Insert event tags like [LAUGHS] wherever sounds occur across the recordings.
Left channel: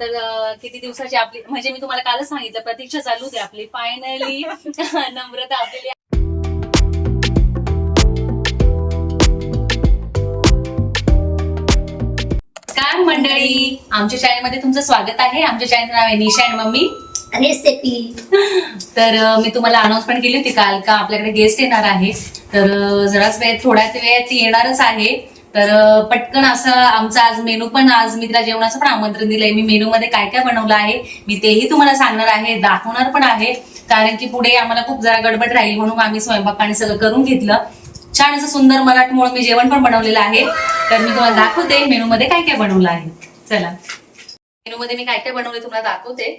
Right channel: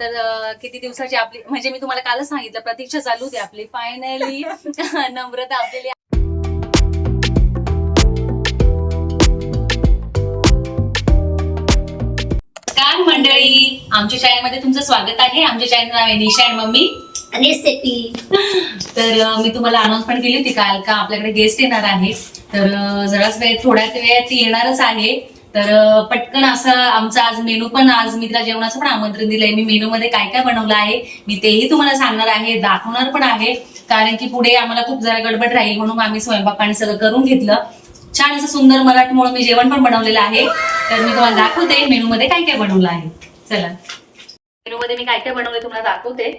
तर किती दिवसाची आपली म्हणजे मी तुम्हाला कालच सांगितलं प्रतीक्षा चालू होती आपली. फायनली [LAUGHS] नम्रता आपली काय मंडळी. आमच्या चॅनलमध्ये तुमचं स्वागत आहे. आमच्या चॅनल नाव आहे निशा आणि मम्मी. रेसिपी तर मी तुम्हाला अनाउन्समेंट केली होती काल का आपल्याकडे गेस्ट येणार आहे. तर जराच वेळ थोड्याच वेळात ती येणारच आहे. तर पटकन असं आमचा आज मेनू पण आज मी तिला जेवणाचं पण आमंत्रण दिलंय. मी मेनू मध्ये काय काय बनवलं आहे मी तेही तुम्हाला सांगणार आहे दाखवणार पण आहे. कारण की पुढे आम्हाला खूप जरा गडबड राहील म्हणून आम्ही स्वयंपाकाने सगळं करून घेतलं. छान असं सुंदर मराठमोळं मी जेवण पण बनवलेलं आहे. तर मी तुम्हाला दाखवते मेनू मध्ये काय काय बनवलं आहे. चला. मेनू मध्ये मी काय काय बनवले तुम्हाला दाखवते.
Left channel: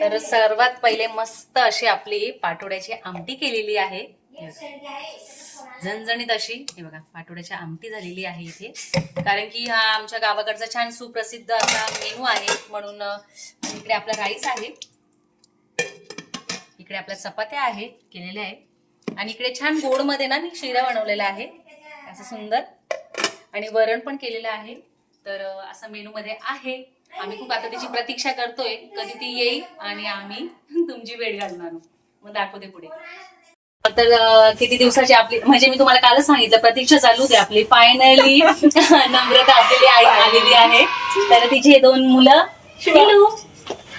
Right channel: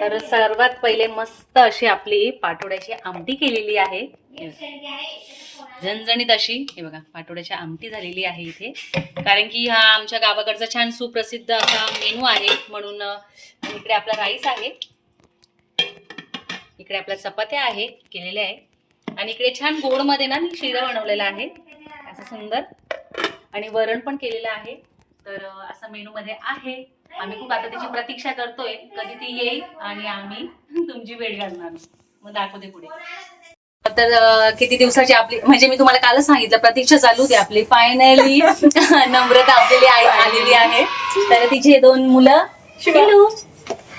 तर सर्वात पहिले मस्त अशी आपली पाठोड्याची आमटी केलेली आहे. झणझणीत अशी हे बघा पाटोड्याची आमटी झालेली आहे इथे. कारण की हा आमच्या गावाकडचा छान सुप्रसिद्ध असा मेनू आहे. म्हणून इकडे आपला राईस आहे. इकडे आपल्या चपात्या आहे केलेल्या आहे आणि इकडे छान गोडमध्ये ना मी शिरा बनवलेला आहे. असं सुंदर. आणि वरण पण केलेलं आहे. तर असं मेनू मध्ये आहे. आम्ही खूप आता त्याची प्रतीक्षा करतोय. कधी ती येईल आणि आम्ही तुमची वेळ घालणार. मग दाखवते पुढे. तर किती दिवसाची आपली म्हणजे मी तुम्हाला कालच सांगितलं प्रतीक्षा चालू होती आपली. फायनली [LAUGHS] नम्रता आपली आई आलेली आहे. तर तिचे हे दोन मुलं. हॅलो.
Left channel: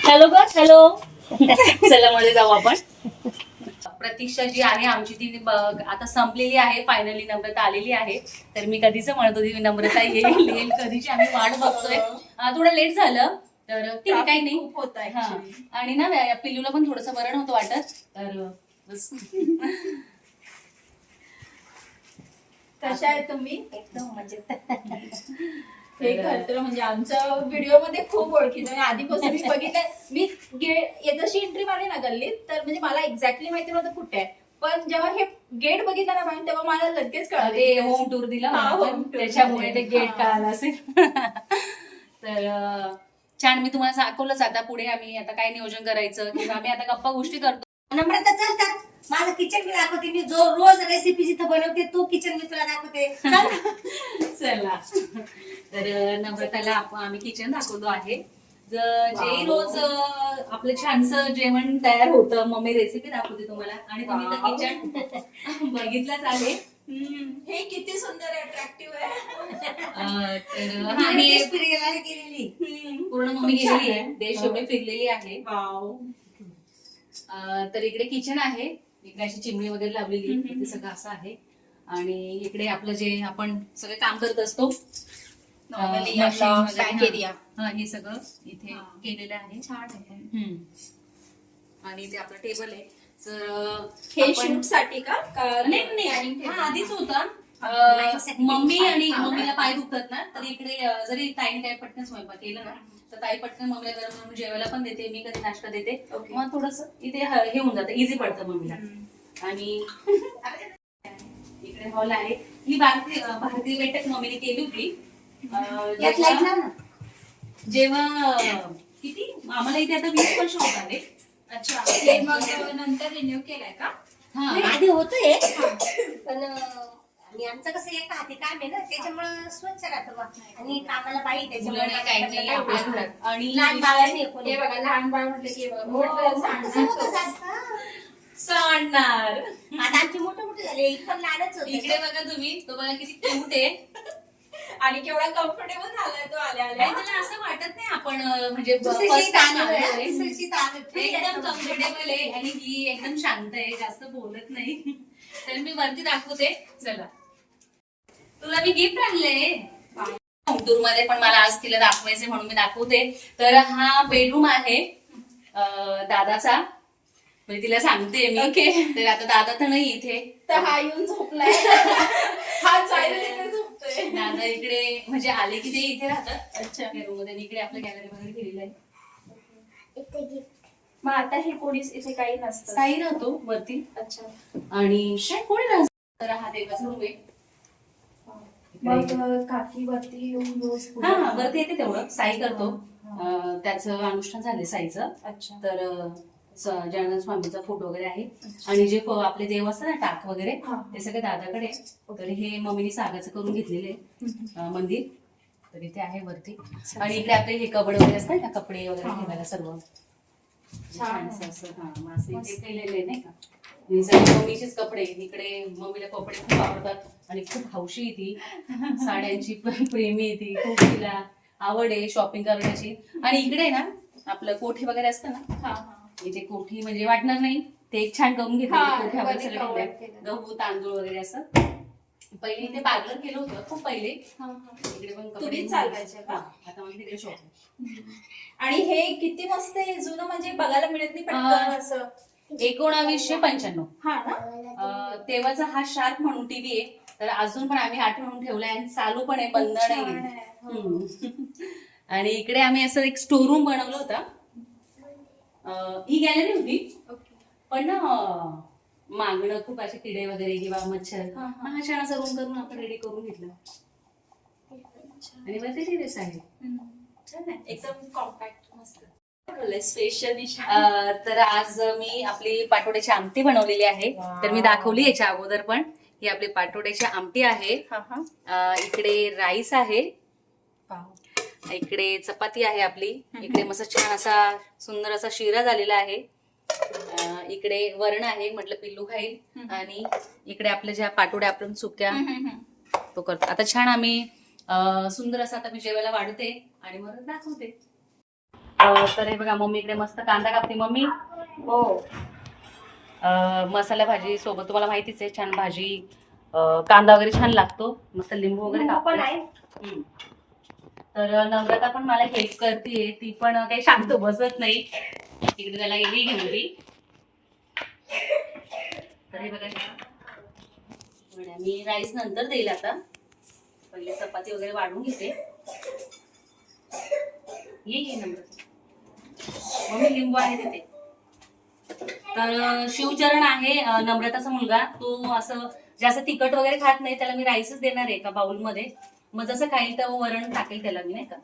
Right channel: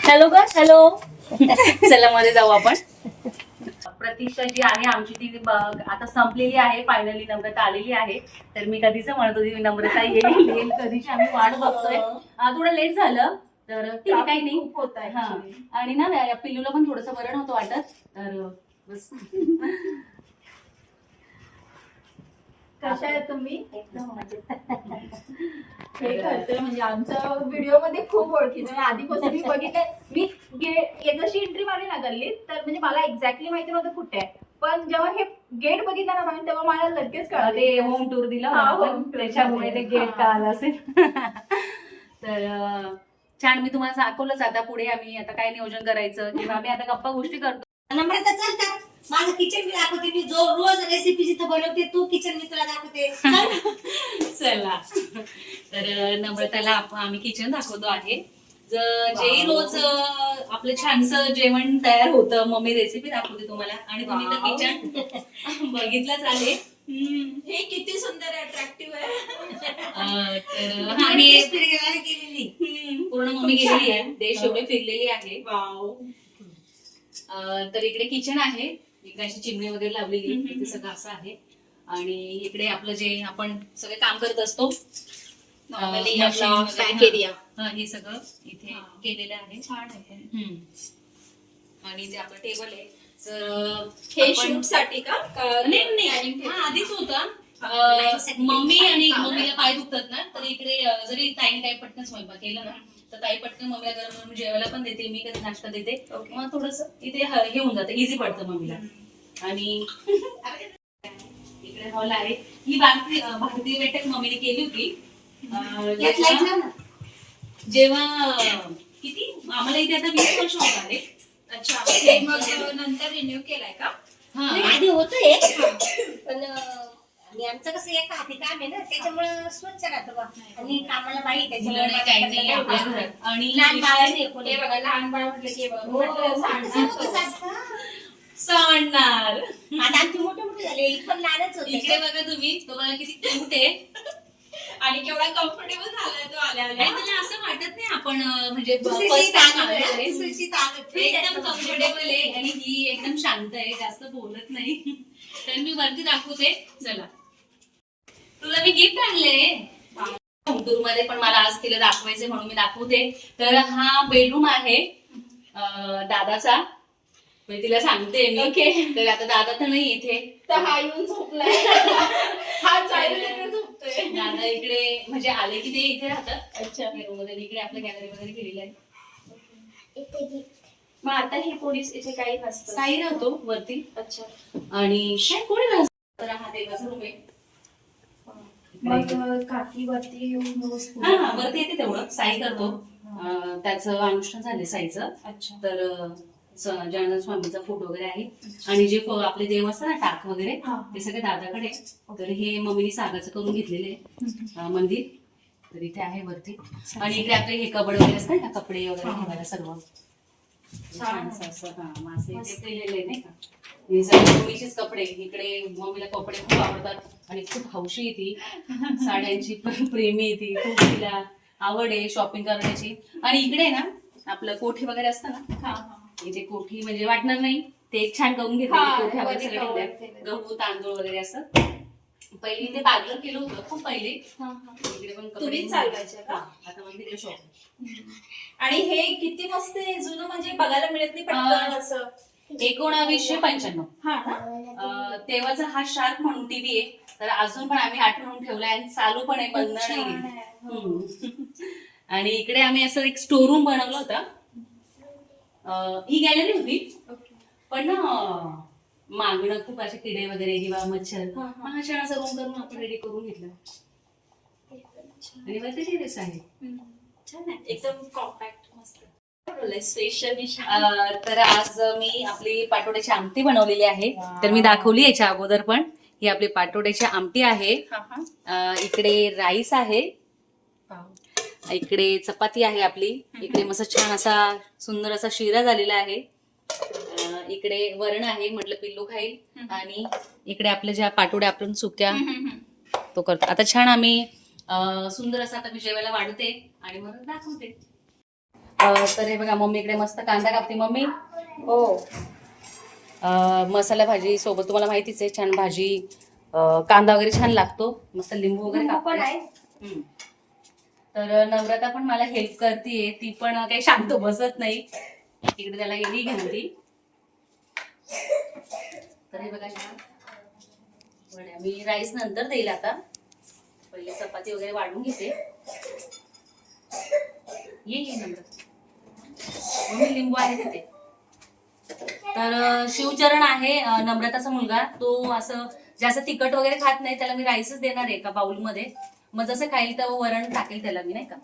हॅलो ग हॅलो चला मध्ये जाऊ आपण. प्रतीक्षा जी आहे आमची ती आता संपलेली आहे. फायनली नम्रता आलेली आहे. तर मी कधीच म्हणत होती नम्रता येईल येईल कधीची आम्ही वाट बघतोय. थोडं लेट झालं तर ठीक आहे काही नाही. होत हा. आणि ना या पिल्लूला पण थोडस बरं नव्हतं वाटत. तर. [LAUGHS] कशा आहे तुम्ही एकदम मजेत. हे करतो म्हणजे आमच्या व्हिडिओमध्ये खूप ओळखीचं आहे. आधीपासून मी बघितलं मी जशी एंट्री मारली ना गल्लीत तर म्हणजे मला एक्झॅक्टली माहिती नव्हतं कुठे आहे पण जेव्हा हे गेट बघितलं ना तेव्हा मला लगेच कळलं ते होम टूर दिलं त्याच्यामुळे ते. गेट. कळालं असेल [LAUGHS] तर छान मी तुम्हाला दाखवलंच आता पुढे आम्ही आता काय नियोजन करायचं किंवा आम्ही आता गप्पा गोष्टी करतो नम्रता चालतात माझं किचन मी दाखवते. मी जो रोज रेसिपी जिथं बनवते तो किचन मी तुला दाखवते. चल. [LAUGHS] चला. तर नम्रताला आपण आम्ही किचन दाखवतो आहे. ज- रोज आपलं छानसं जेवण तयार होतं मम्मी रेसिपी दाखवते तुम्हाला. आणि तुम्ही तर. किचन [LAUGHS] बघितलंच आहे. हे किती सुंदर अट्रॅक्टिव्ह आहे. तर पूर्ण मम्मी गेलेली आहे. देश एवढे फिरलेली आहे. तर इकडे किचन आहे. इकडे अशी चिमणी वगैरे लावलेली इथे सगळं असं आहे. आणि इकडे आपलं जे आपण सगळे काम करत असतो हा. सगळं इथे. केलेलं आहे. छान आहे. आणि ते आपलं टेबल आहे. तर हे शूटसाठी का? नाही नाही. आधीच होता. मम्मी आणि मम्मीला पाय दुखतात ना. तर इकडे जरी ताईने काय पटकन स्वयंपाक केलं ना तर ताई पटकन मम्मीला गरम म्हणून जेवायला पण देते मी कधी नाश्ता देते. Okay. मग थोडस इथे ह- हे होऊन जातं इझी पडतं मम्मीला. आणि इकडे हॉल आहे. ही भारतीय अं, भारतीय बैठक मम्मीने केली होती. अं, यात लाइट जेव्हा- लाव. ना. जेव्हा अं, किती? आम्हाला इथे आता वीस वर्ष होत आले. अच्छा हे मग नंतर रिन्यू केलाय का? हा. नाही, आधी होतोय पण अं, आणि आमचं कसं एका हाती काम आहे ना त्याच्यामुळं स्वच्छ राहतं बा आणि कामाला बाई त्याच्यामुळे नाही काही नाही आपल्या घरात आणि लहान बाळ नाही कोणी. हे बघा लहान बाळ म्हटलं की हे बघा, म्हटलं असं सांडणार कसं तो. असतं? सांडणार आता आमची मोठे मोठे झाले पण लहानच होते इकडे बघा तुम्ही तो बघा किती क्यूट आहे आणि केवढा कम्फर्टेबल झालाय तो आल्या आल्या त्याला असं वाटत नाही आपण अं, म्हणजे first time आलोय. आहे, आहे. एकदम कम्फर्टेबल आहे आणि ही एकदम शांत आहे जास्त बोलत नाही. तर मी वरती दाखवते. चला. तुला मी गिफ्ट आणले टूरमध्ये पण मला आज तिला दाखवायचे म्हणून मी दाखवते. तर हा बेडरूम आहे अं, दादाचा. म्हणजे तिला सांगते मी. Okay. तर आता दादा तर नाही इथे. तर हा येऊन झोपलाय. [LAUGHS] हा जायला झोपतोय दादा इकडे म्हणजे आले की ते इथे राहतात. अच्छा. रूममध्ये इकडे आपलं गॅलरी वगैरे केलेलं आहे. मग आता हे कोणीच इथे काही नसतं. साई राहतो वरती. अच्छा. आणि कोणी राहतो तर हा देवाचा रूम आहे. मग काकी वरती येऊन रोज हा हा वरती येते तेवढं. साई करतो. त्याचं अनुष्ठान झाले साईचं. अच्छा. तर जनार्दन स्वामीचा फोटो वगैरे आहे. आणि जे आपले देव असतात ना टाक वगैरे. ते सगळे दादाकडे. तर हे मम्मीने सागाचं करून घेतलेले मंदिर. तर इथे आहे वरती. आणि इकडे आपले हे कबड वगैरे असतात ना कपडे वगैरे. ठेवायला सर्व. छान. असं हा केलेले नाही का? मम्मीचेच कपडे इकडे मम्मीला कपडे खूप आवडतात. आणि खूप हौशी ती. साड्यांची पण प्रेमी ती. खूप तिला आवड आहे शॉपिंग करण्याची. आणि इकडे ना आपलं कोठी वगैरे असतं ना. इथे कोठी म्हणजे वाटणार नाही. ते एक छान करून घेतले. गहू तांदूळ वगैरे असं. पहिले इथे पार्लर केलं होतं खूप पहिले. हा, हा. इकडे पण कपडे तुम्हीच चालवायचे का? हा, आता तिकडे शॉप आणि हे किती मस्त आहे जुनं म्हणजे बघायला मिळत नाही. पटकन असं. एकोणावीसशे पंच्याण्णव. हा तेव्हाचा हा शार्क म्हणून टीव्ही आहे. तर अजून पण आम्ही आठवून ठेवलाय आणि चालू पण आहे बंद नाही. [LAUGHS] आणि इकडे आम्ही असं एक स्टोर रूम बनवलं होतं. ही गॅलरी होती. पण ना मागणं खूप असे किडे वगैरे किंवा मच्छर हा. मग छान रूम करून आपण रेडी करून घेतलं. आणि वरती टेरेस आहे. छान आहे. एकदम कॉम्पॅक्ट मस्त. स्पेशल अं, तर आज मी आपली पाटोड्याची आमटी बनवलेली आहे. तर मी दाखवली याच्या अगोदर पण. ही आपली पाटोड्याची आमटी आहे. इकडे राईस आहे. इकडे चपाती आहे आपली. इकडे मस्त छान असा सुंदर असा शिरा झालेला आहे. इकडे वरण आहे म्हटलं पिल्लू खाईल. आणि इकडे आपल्या ज्या पाटोड्या आपण सुक्या तो करतो. आता छान आम्ही सुंदर असं आता मी जेवायला वाढते आणि मग दाखवते. तर हे बघा मम्मी इकडे मस्त कांदा कापते. मम्मी? हो. मसाला भाजी सोबत तुम्हाला माहितीच आहे छान भाजी कांदा वगैरे छान लागतो. मस्त लिंबू वगैरे कापते. तर नम्रता पण मला हेल्प करते ती पण काही शांत बसत नाही. तिकडे त्याला गेली घेऊन ती. तर हे बघा मी राईस नंतर देईल आता. पहिले चपाती वगैरे वाढून घेते. ये ये नम्रता. मम्मी लिंबू आहे तिथे. तर शिवचरण आहे नम्रताचा मुलगा. तो असं जास्त तिखट वगैरे खात नाही त्याला मी राईसच देणार आहे का बाउलमध्ये मग जसं खाईल तर वरण टाकेल त्याला मी नाही का?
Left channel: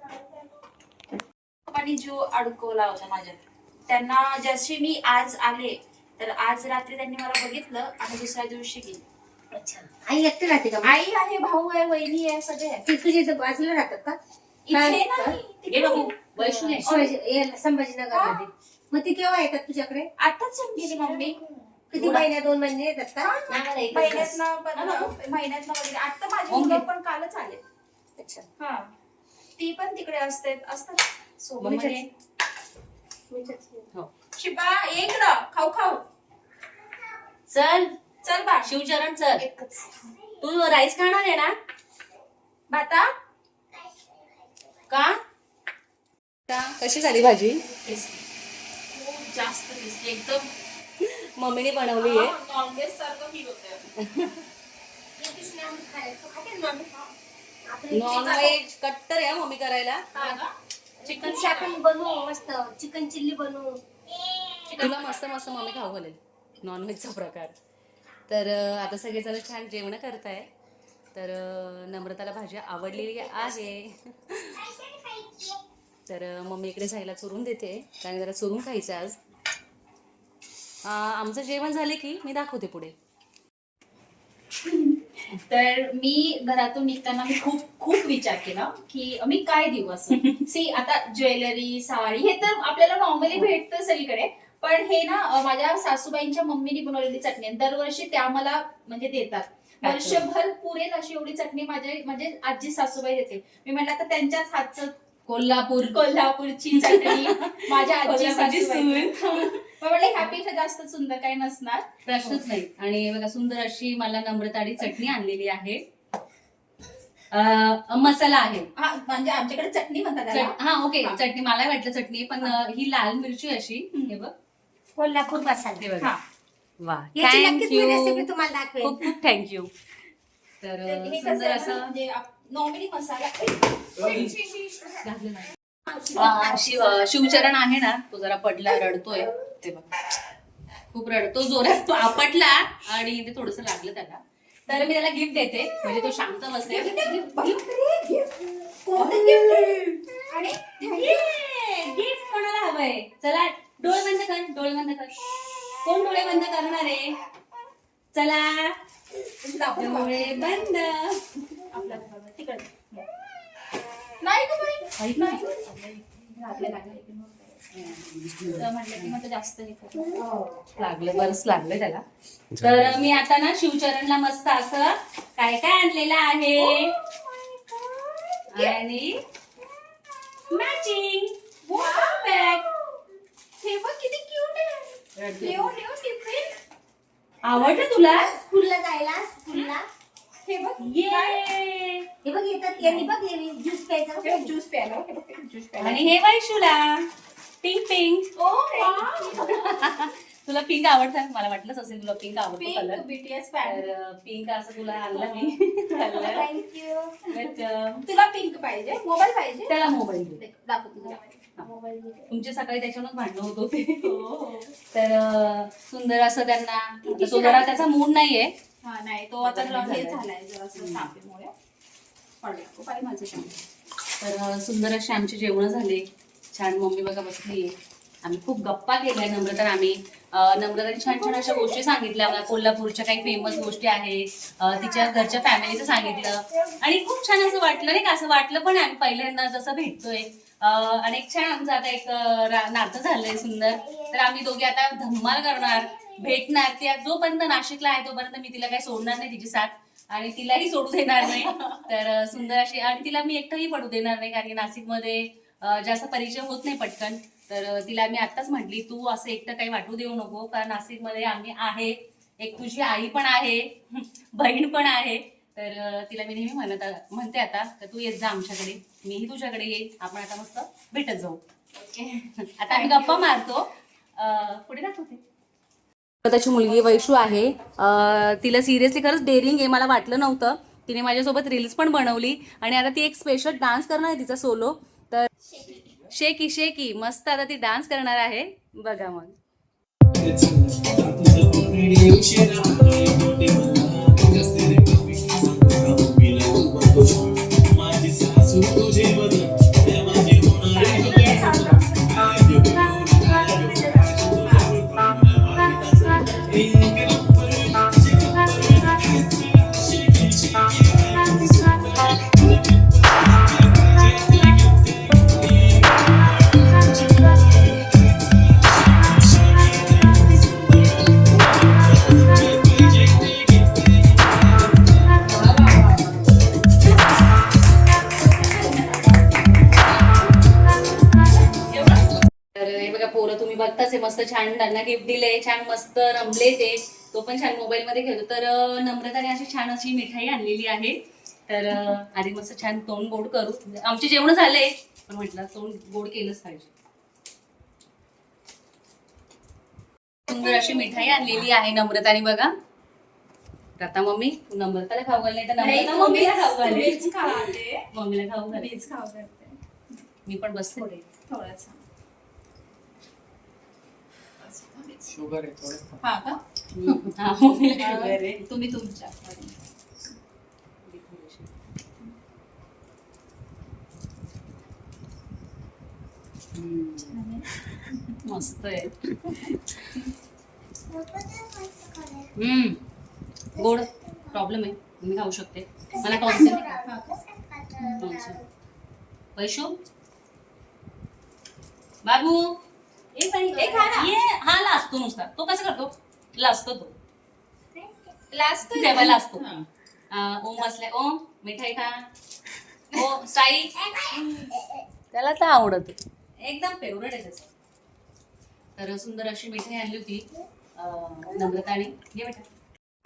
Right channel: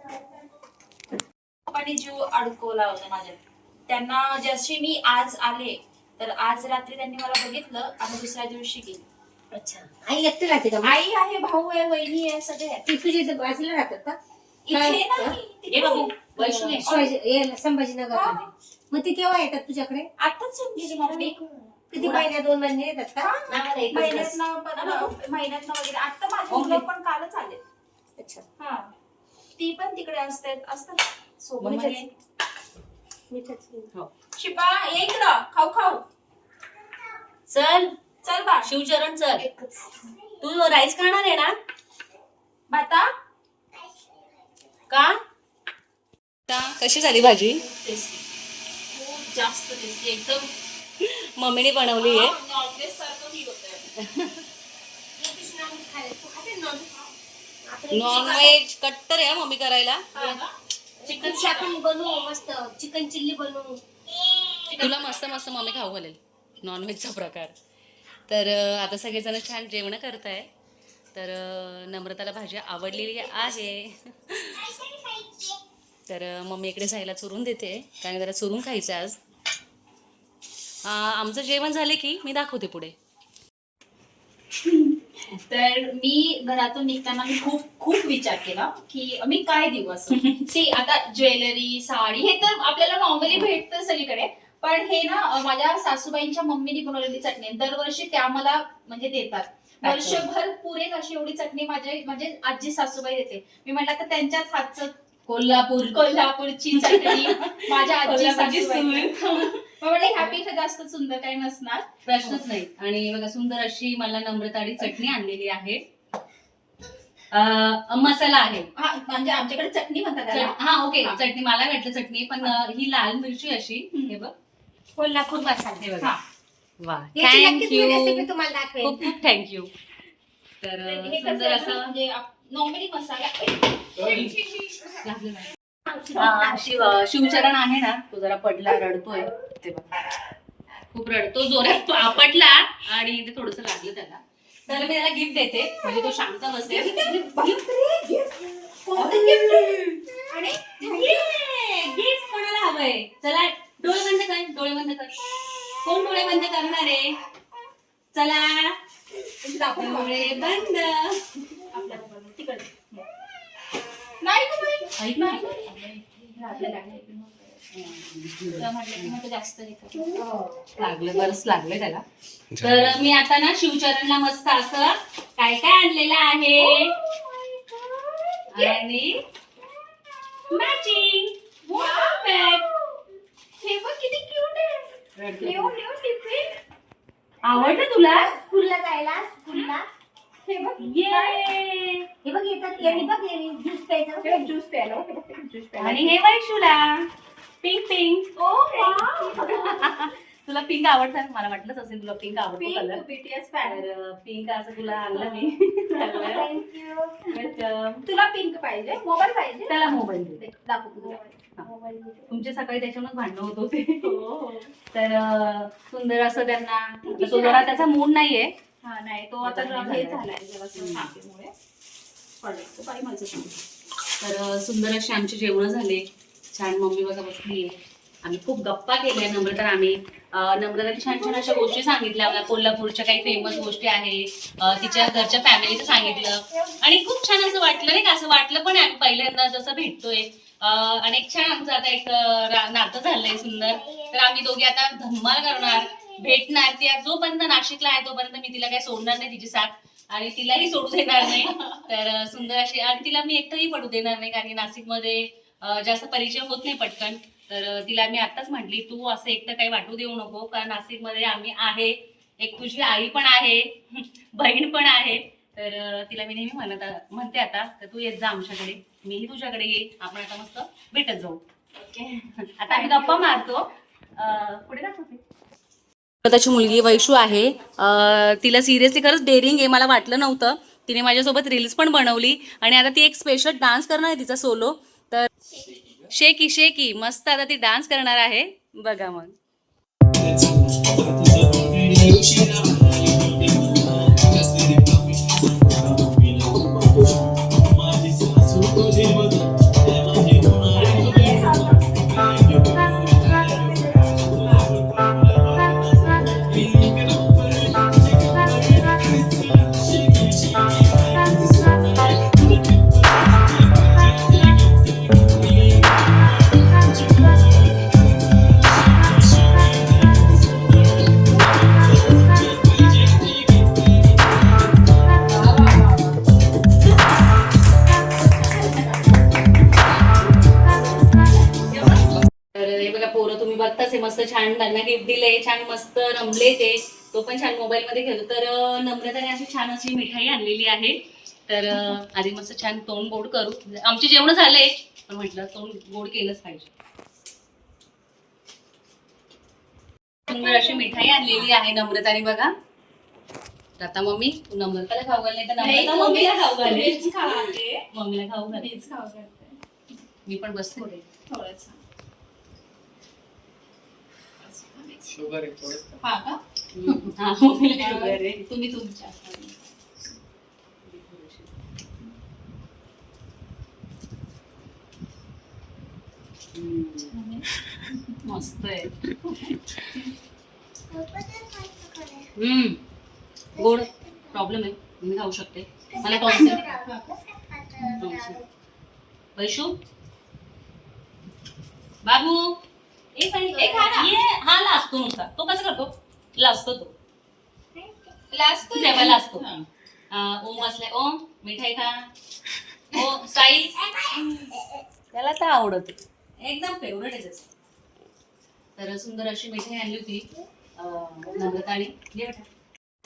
आणि जीव अडकवला होता माझ्यात त्यांना जशी मी आज आले तर आज रात्री त्यांनी मला बघितलं आणि दुसऱ्या दिवशी गेली. अच्छा. आई एकटी राहते का? आई आहे भाऊ आहे वहिनी आहे सगळे आहेत. ती तुझी इथं बाजूला राहतात का? इथे नाही, ये तिकडे. वैष्णवी शिवाजी मग ती केव्हा येतात तुझ्याकडे? आताच येऊन गेली मम्मी. किती महिन्या दोन महिने येतात का? महिन्यात. महिन्यात वगैरे. आता माझे. मुलं पण कालच आले अच्छा. हा. ती पण तिकडे असते असतात. सोबत मीठच. हो. शिपा एक ना खाऊ खाऊ. चल. चल बा. शिवचरण चल. एकच. तू राईस खाणार आहे ना? बाता का? कशी झाली भाजी? खूप जास्त टेस्टी. एकदम. मम्मीने बनवली आहे. नॉनव्हेज सारखं फील होतंय. [LAUGHS] खायला- तू खाते नॉनव्हेज कट्टर आहे मम्मी करायला. चिकन आपण बनवू मस्त. चिकन चिल्ली बनवू. तुला मस्त मस्त मम्मी खाऊ घालेल. नॉनव्हेजचा प्रकार. तर आता सगळेजण छान जेवण करताय. तर नम्रताला भाजी आवडलेली आहे. तर मम्मी इकडे साईला चुरून देते. कारण जरा चुरून खायचं आज. आमचं जेवण झाले की मी दाखवते पुढे. तर मी घरातून निघताना मी खूप खूप विचार केला की मी काय देऊ असं सी आता ज्वेलरी साडी हे तर आपल्याला नॉर्मली भेटतं सगळीकडे. पण हे ना माझ्या सासूबाईंच्या मम्मीने बनवलेली चटणी. दरवर्षी त्या मला म्हणजे देतात. वर्षभर पुरेल अशी एवढी चटणी माझ्या म्हणजे आजी सासूबाई देते. मी म्हटलं तर त्यांच्याच हातचं कोल्हापूर. कोल्हापूरची चटणी माझ्या आजी सासूबाई म्हटलं ह्यापेक्षा जास्त सुंदर काही नसणार. प्रश्नच नाही. आणि बघा सुंदर अशी मला नम्रताडी चटणी आणलेली आहे. अं, मसाला आहे. हा म्हणजे आमच्याकडे चटणी म्हणतात त्याला. चट- हा ओके. हा. चटणी मला वाटलं चटणी पण अं, ही लाल मिरची अशी. हे बघ. कोल्हापूर मसाला. हे बघा. हा. वा. याची नक्कीच मी थँक्यू तुम्हाला दाखवेन. खूप खूप थँक्यू तर तर अं, हे कसं सुंदर आहे ना, असं म्हणजे नॉर्मली मसाला घातलेलं आहे. हा, शिव अं, शिवचरण आहे ना तो जरा पडला रडतोय. ते बघ. खूप रडतो. जोरात तो आपटला आणि ते थोडस लागलं त्याला. तर मी त्याला गिफ्ट देते. म्हणजे तो शांत बसेल आणि गिफ्ट कोणाला हवंय? चला डोळे बंद कर डोळे बंद कर. कोण डोळे बंद करणार आहे? चला. डोळे बंद. आपल्याला तिकडे. नाही. लागलं. तर म्हटलं की मग ते जास्त हे कर. लागलं बरंच लागलं त्याला. तर मी आता ना शिवचरणला मस्त असं काय काय आणलेलं आहे? आणि मॅचिंग हे बघ किती क्यूट आहे. न्यू न्यू टिफिन आवडलं तुला? स्कूलला जायला स्कूलला. हे बघ. ये हे बघ येतात यांनी बघ ज्यूस प्यायचा ज्यूस प्यायला. आणि हे वैशूला. पिंक पिंक ओ तुला पिंक आवडतं? मला वाटलंच असेल तुला पिंक आवडतो कलर पिंक बीटीएस तर पिंक असं तुला आणलं मी. [LAUGHS] थँक्यू तर, तुला पिंक पाहिजे? मोबाईल पाहिजे? त्याला मोबाईल दे. दाखव मोबाईल तुमचे सकाळी त्याच्यावरच भांडणं होत होते. हो. तर अं, सुंदर असं त्यांना तो जरा त्याचा मूड नाहीये. हा नाही. तो आता हे झालाय. जरासं तापेमुळे पडला. माझं. तर अं, सुंदर असे आमचे जेवण झाले. छान मम्मी बघा बसली आम्ही खूप गप्पा केल्या नम्रता आम्ही नम्रताने छान छान अशा गोष्टी सांगितल्या. मला कोल्हापूरच्या काही फेमस गोष्टी आहे तिच्या घरच्या फॅमिलीचं सांगितलं. आणि खूप छान असं वाटलं नाही का? असं वाटलं पण आम्ही पहिल्यांदा जसं भेटतोय. आणि एक छान आमचं आता एक नातं झालंय सुंदर. तर आम्ही दोघे आता धम्माल करणार भेटणार. ती जोपर्यंत नाशिकला आहे तोपर्यंत मी तिला काही सोडणार नाही तिची साथ. आणि तिलाही सोडू देणार नाही. तर सुंदर अशी आणि तिला मी एकटंही पडू देणार नाही कारण की नाशिकमध्ये जास्त परिचय होत नाही पटकन. तर तिला मी आत्ताच म्हटली तू असं एकटं काही वाटू देऊ नको कारण नाशिकमध्ये आम्ही आहे. एक तुझी आई पण आहे [LAUGHS] बहीण पण आहे. तर तिला मी नेहमी म्हणत म्हणते आता तर तू येत जा आमच्याकडे. मीही तुझ्याकडे येईल आपण आता मस्त भेटत जाऊ. [LAUGHS] आता आम्ही गप्पा मारतो. पुढे दाखवते. त्याची मुलगी वैशू आहे. तिला सिरियसली खरंच डेअरिंग आहे मला वाटलं नव्हतं. तिने माझ्यासोबत रील्स पण बनवली. आणि आता ती एक स्पेशल डान्स करणार आहे तिचा सोलो शेकी शेकी. मस्त आता ती डान्स करणार आहे. बघा मग. तर छान मस्त रमले ते. तो पण छान मोबाईल मध्ये खेळतो. तर नम्रताने अशी छान अशी मिठाई आणलेली आहे. तर आधी मस्त छान तोंड गोड करू. आमचे जेवण झाले पण म्हटलं तोंड गोड केलंच पाहिजे. सुंदर अशी मिठाई आणलेली आहे नम्रताने बघा. तर आता मम्मी तू नम्रताला खाऊ घाल नाही तर नम्रता मम्मीला खाऊ घाल मीच खाते मम्मीला खाऊ घाल मीच खाऊ करते मी पण बसते थोडंसं. शुगर आहे थोडं हा का हा, मम्मीला शुगर आहे. तुम्ही तुमच्या हम्म, मस्त आहे हम्म गोड प्रॉब्लेम आहे मी खाऊ शकते मला टॉन्सिल वैशू बाबू ए बाई, ए खा ना. ये हा लाजतो नुसता. तो कसं करतो? लाजतो तो. लास्ट लाजतो. आ, ओम बसलाय ओम मिठाई खा. ओ साई. त्याला तर आवडत. एकदम फेवरेट आहे त्याचं. तर सुंदर अशी मिठाई आणली होती. अं, नम्रताने घे बेटा.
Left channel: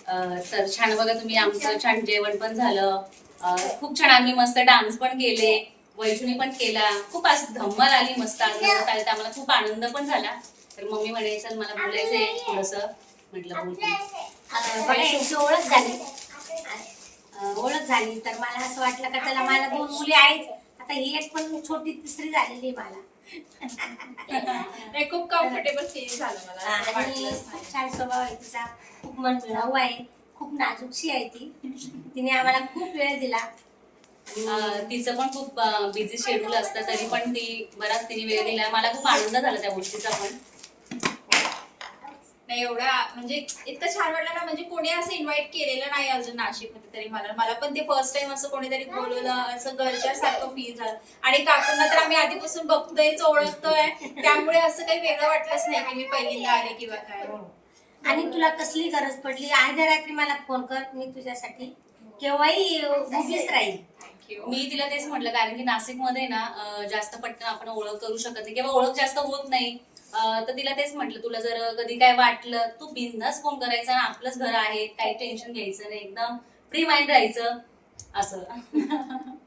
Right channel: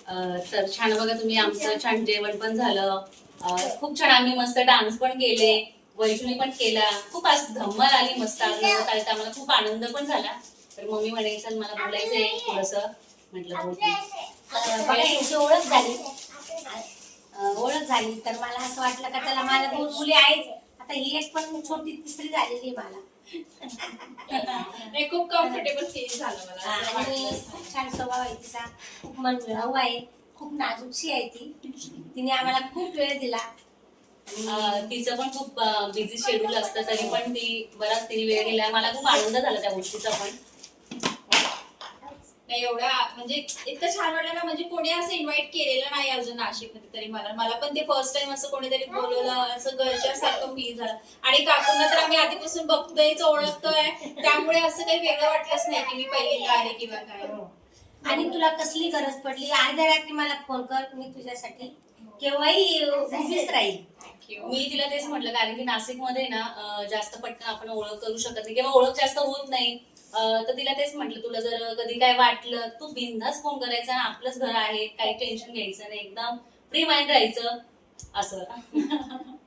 अं, तर छान बघा तुम्ही आमचं छान जेवण पण झालं. अं, खूप छान आम्ही मस्त डान्स पण केले. वैष्णवी पण केला. खूप असं धम्मल आली मस्त आज नवरात्र आली तर आम्हाला खूप आनंद पण झाला. तर मम्मी म्हणे चल मला बोलायचंय थोडस. म्हटलं बोलते ओळख झाली. ओळख झाली. तर मला असं वाटलं का त्याला मला दोन मुली आहेत. आता ही एक पण छोटी तिसरी झालेली आहे मला. नाही खूप कम्फर्टेबल फील झालं मला. आणि खूप. छान स्वभाव आहे तिचा. खूप मन मिळावू आहे. खूप नाजूकशी आहे ती. तिने आम्हाला खूप वेळ दिला. तिचं पण खूप बिझी शेड्यूल असतं तरी पण ती बराच तिने वेळ दिला. मला खूप आनंद झाला त्या गोष्टीचा पण. नाही एवढा म्हणजे इतकं छान वाटलं ना म्हणजे कोणी असं इन्व्हाइट केलेलं नाही अजून नाशिकमध्ये तरी मला. मला पण ते फर्स्ट टाइम असं कोणीतरी बोलवलं असं घरच्या सारखं फील झालं. आणि काकूंना तर आम्ही आधीपासून बघतोयच ओळखतोय. त्यामुळे असं काही वेगळं वाटलंच नाही की मी पहिल्यांदा आले किंवा काय. आणि तुला कसली गरज पडली? अर्ध्या रात्री मला फोन कर मी तुझ्यासाठी केव्हाही उभीच राहील मी तिला तेच म्हटलं कारण की नाशिकमध्ये ना अं, जास्त पटकन आपण ओळख करू शकत नाही किंवा ओळख जास्त होत नाही. अं, तर तिला तेच म्हटलं तुला जर कधी काय वाटलं तू बिंदास फोन करायचा ना आपलंच घर आहे काही टेन्शन घ्यायचं नाही एकदम फ्री माइंड राहायचं. असं. [LAUGHS]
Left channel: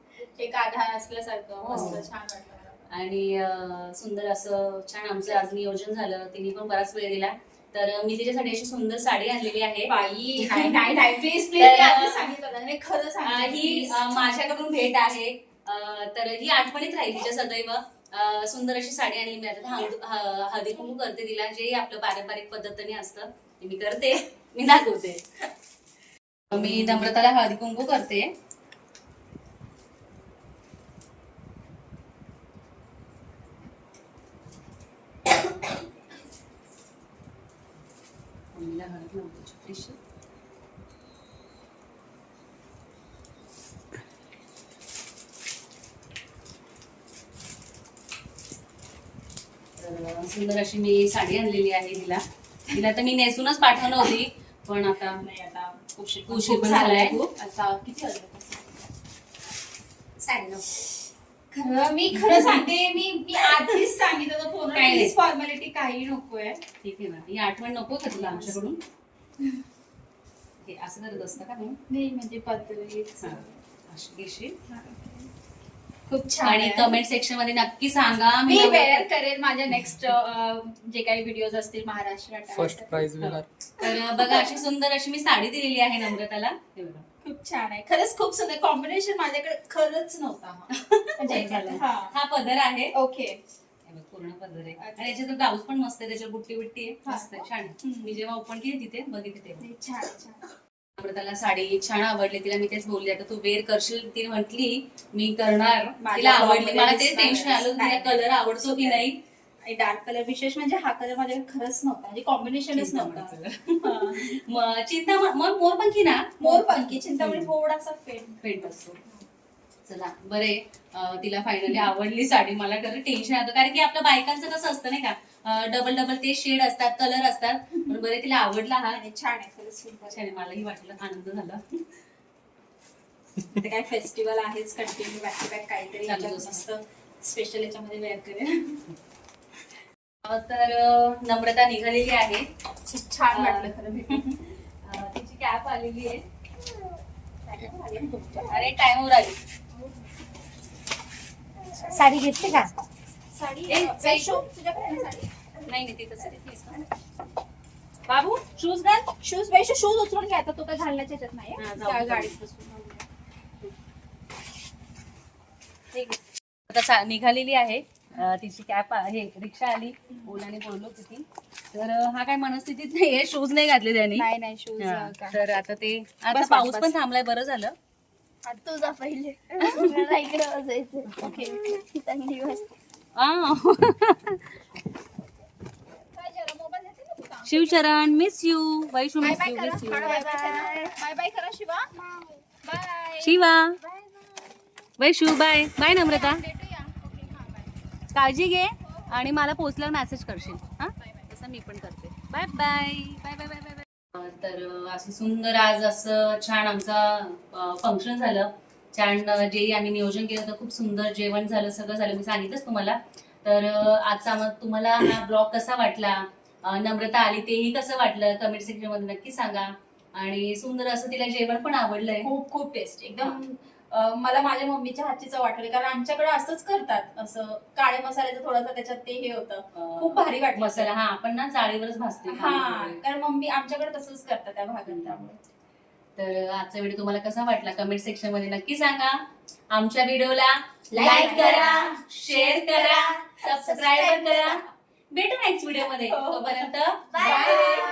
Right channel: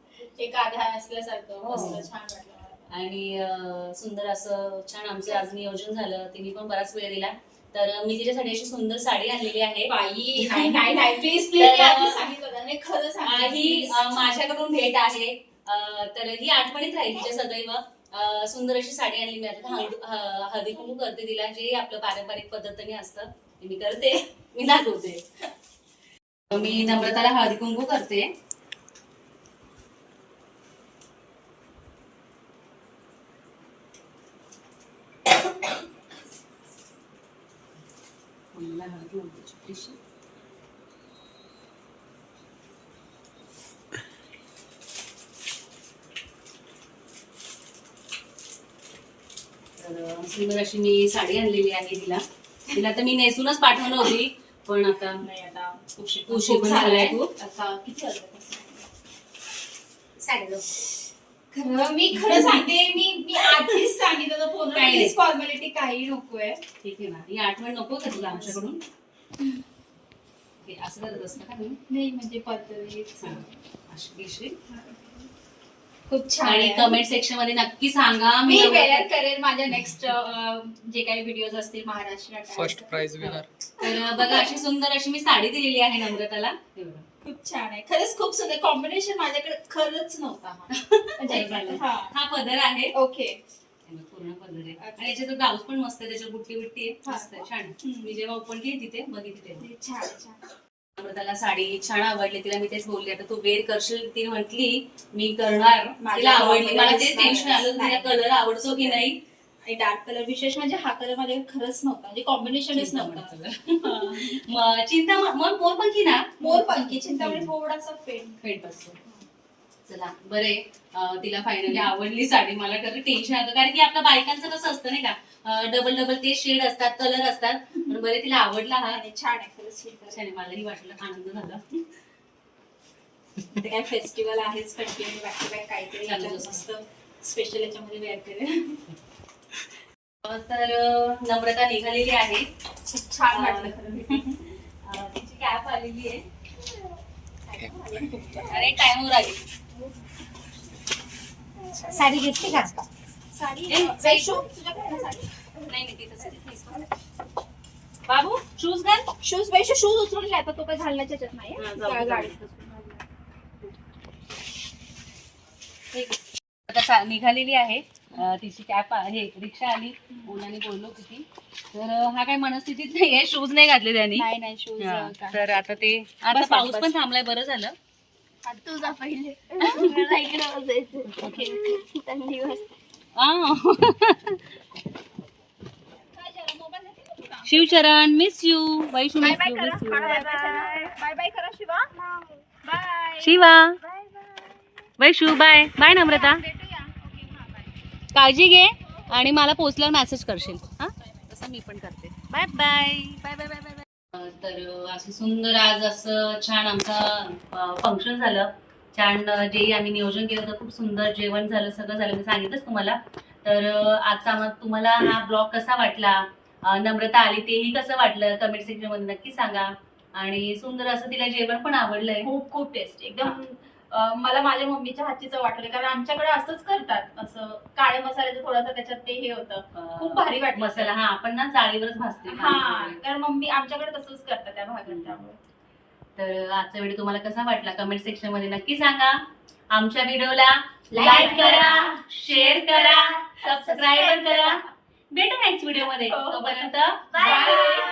एक आधार असल्यासारखं. हो. मस्त छान वाटलं मला. आणि अं, सुंदर असं छान आमचं आज नियोजन झालं. तिने पण बराच वेळ दिला. तर मी तिच्यासाठी अशी सुंदर साडी आणलेली आहे. बाई [LAUGHS] नाही नाही नाही प्लीज प्लीज तर- आधी सांगितलं होतं. नाही खरं अं, सांगितलं ही please. अं, माझ्याकडून भेट आहे. अं, तर ही आठवणीत राहील तिच्या सदैव. अं, सुंदर अशी साडी आणली मी. आता हळद- ह- हळदी कुंकू करते तिला जे आपलं पारंपरिक पद्धतीने असतं. ते मी करते. मी दाखवते. [LAUGHS] मी नम्रताला हळदी कुंकू करते. मम्मीला हळद लावते छोटीशी. तर सुंदर अशी मी साडी आणलेली आहे तिला तिला तर मी नेसूनच पाठवणार होती पण आता नाही आता खूप पण झालाय खूप. आता किती सांगितलं खरं मी खरं सांगते मी मी आधीच सांगितलं होतं फोन. काही नाही. फॉर्मॅलिटी काही नकोय. ठीक आहे ना. ही आठवण नको का तुला आमच्याकडून? हे असं करत असतं का मी नाही म्हणजे पद्धती हा, अशी घेशील. खूप छान आणि आहे. कमेंट सेक्शनमध्ये नक्की सांगा. मी मी वेअर करेल माझ्या नेक्स्ट जे काही व्हिडिओज असतील महाराष्ट्र फर्स्ट प्राइज विनर तर बघा अशी सुंदर अशी मी साडी दिलेली आहे नम्रताला. हे बघा. खूप छान आहे खरंच खूप सुंदर कॉम्बिनेशन माझ्याकडे खरंच नव्हता हा. [LAUGHS] म्हणजे झालं. हा हा पदर आहे ओके पूर्ण पदर आहे आणि याच्यात ब्लाऊज पण मस्त आहे त्याच्यावर बुट्टी बुट्टी आहे हा. मस्त आहे छान आहे. हम्म. मी जेव्हा ओपन केली तिथे बघितले छान छान नम्रताला साडी छान आवडली तिला मी तेच बोलली आता तू वेअर करशील ती म्हटली मी करणार माझ्या तिला आवडली मला ते टेन्शन आलं तिला. कलर आवडतो की नाही आणि डार्क कलर विशेष म्हणजे हा कलर माझ्याकडे खरंच नव्हता. म्हणजे कॉम्बिनेशनच नव्हता. [LAUGHS] चिंता मग मोर पण की ना? मोर पंखी चिंतामणी थोडासा पेन पेंट असतो. चला बरे तिला फायनली आवडली साडी. मला खरं टेन्शन आलं. कारण की आपल्या बायकांचं कसं असतं नाही का? डबल डबल ते शेड असतात कलर असतात. पण बरे तिला आवडला हा. आणि छान आहे छान. मलाही वाटलं आनंद झाला. काय फेस्टिवल आहेच कंटिन्यू बॅक टू बॅक काहीतरी स्पेशल याच्यामध्ये वेअर करेल. तर नम्रता निघालेली आहे. खूप छान वाटलं खरं तिची कॅप आलेली आहे. अरे टाइमवर आली. साडी घेतली का? साडी? नाही. बाबू शूज घाल. शूज वैशू शूज उचलून घ्या आता तो काय घालण्याच्या ह्याच्यात नाही. गाडीत. आता चा- निघालेली आहे. तिची कॅप आहे रिक्षा आली. ओलाने बोललो किती. तर हा काय मनस्थितीत नाहीये. शूज नाही घातले त्याने. नाही नाही शूज हा, तर आता ते आता बस, पाऊस. पण थांबलाय बरं झालं. तुझा पहिले? Shivcharan miss you Vaishnu bye miss bye you करा. Miss you bye bye bye bye करा Shiva. Bye Shiva. Vaishu bye. Bye Namrata. हा काळजी घे आणि मला पोचल्यावर मेसेज करशील. हा? तसं मी पण करते. Bye bye bye bye bye bye तर असं सुंदर आज असं छान आमचा फंक्शन झालं. छान जे आम्ही नियोजन केलं होतं खूप सुंदर जेवण झालं सगळं झालं. मी सांगितलंच तुम्हाला. तर आजचा आम्हा- तुम्हाला हा ब्लॉग कसा वाटला? नम्रता आली तेही कसं वाटलं? कमेंट सेक्शनमध्ये नक्की सांगा. आणि सुंदर असं तिला जेवण पण आवडलंय. खूप खूप टेस्टी एकदम मला माझ्या मम्मीच्या हातची चव वाटली कारण आमच्याकडे असंच करतात. असं काळ्या मसाल्याचं थोडंसं त्याच्यात ते हे होतं. खूप भारी वाटलं मसाला हा आपण ना जाळीवरच भाजतो. हा कारण मम्मी आमच्याकडे तसंच करतात त्या भागात त्यामुळे. तर आजचा व्हिडिओ तुम्हाला कसा वाटला? कमेंट सेक्शनमध्ये नक्की सांगा. आमच्या व्हिडिओला लाईक करा शेअर करा सबस्क्राईब करा. भेटू नेक्स्ट व्हिडिओमध्ये. हो. तोपर्यंत Bye.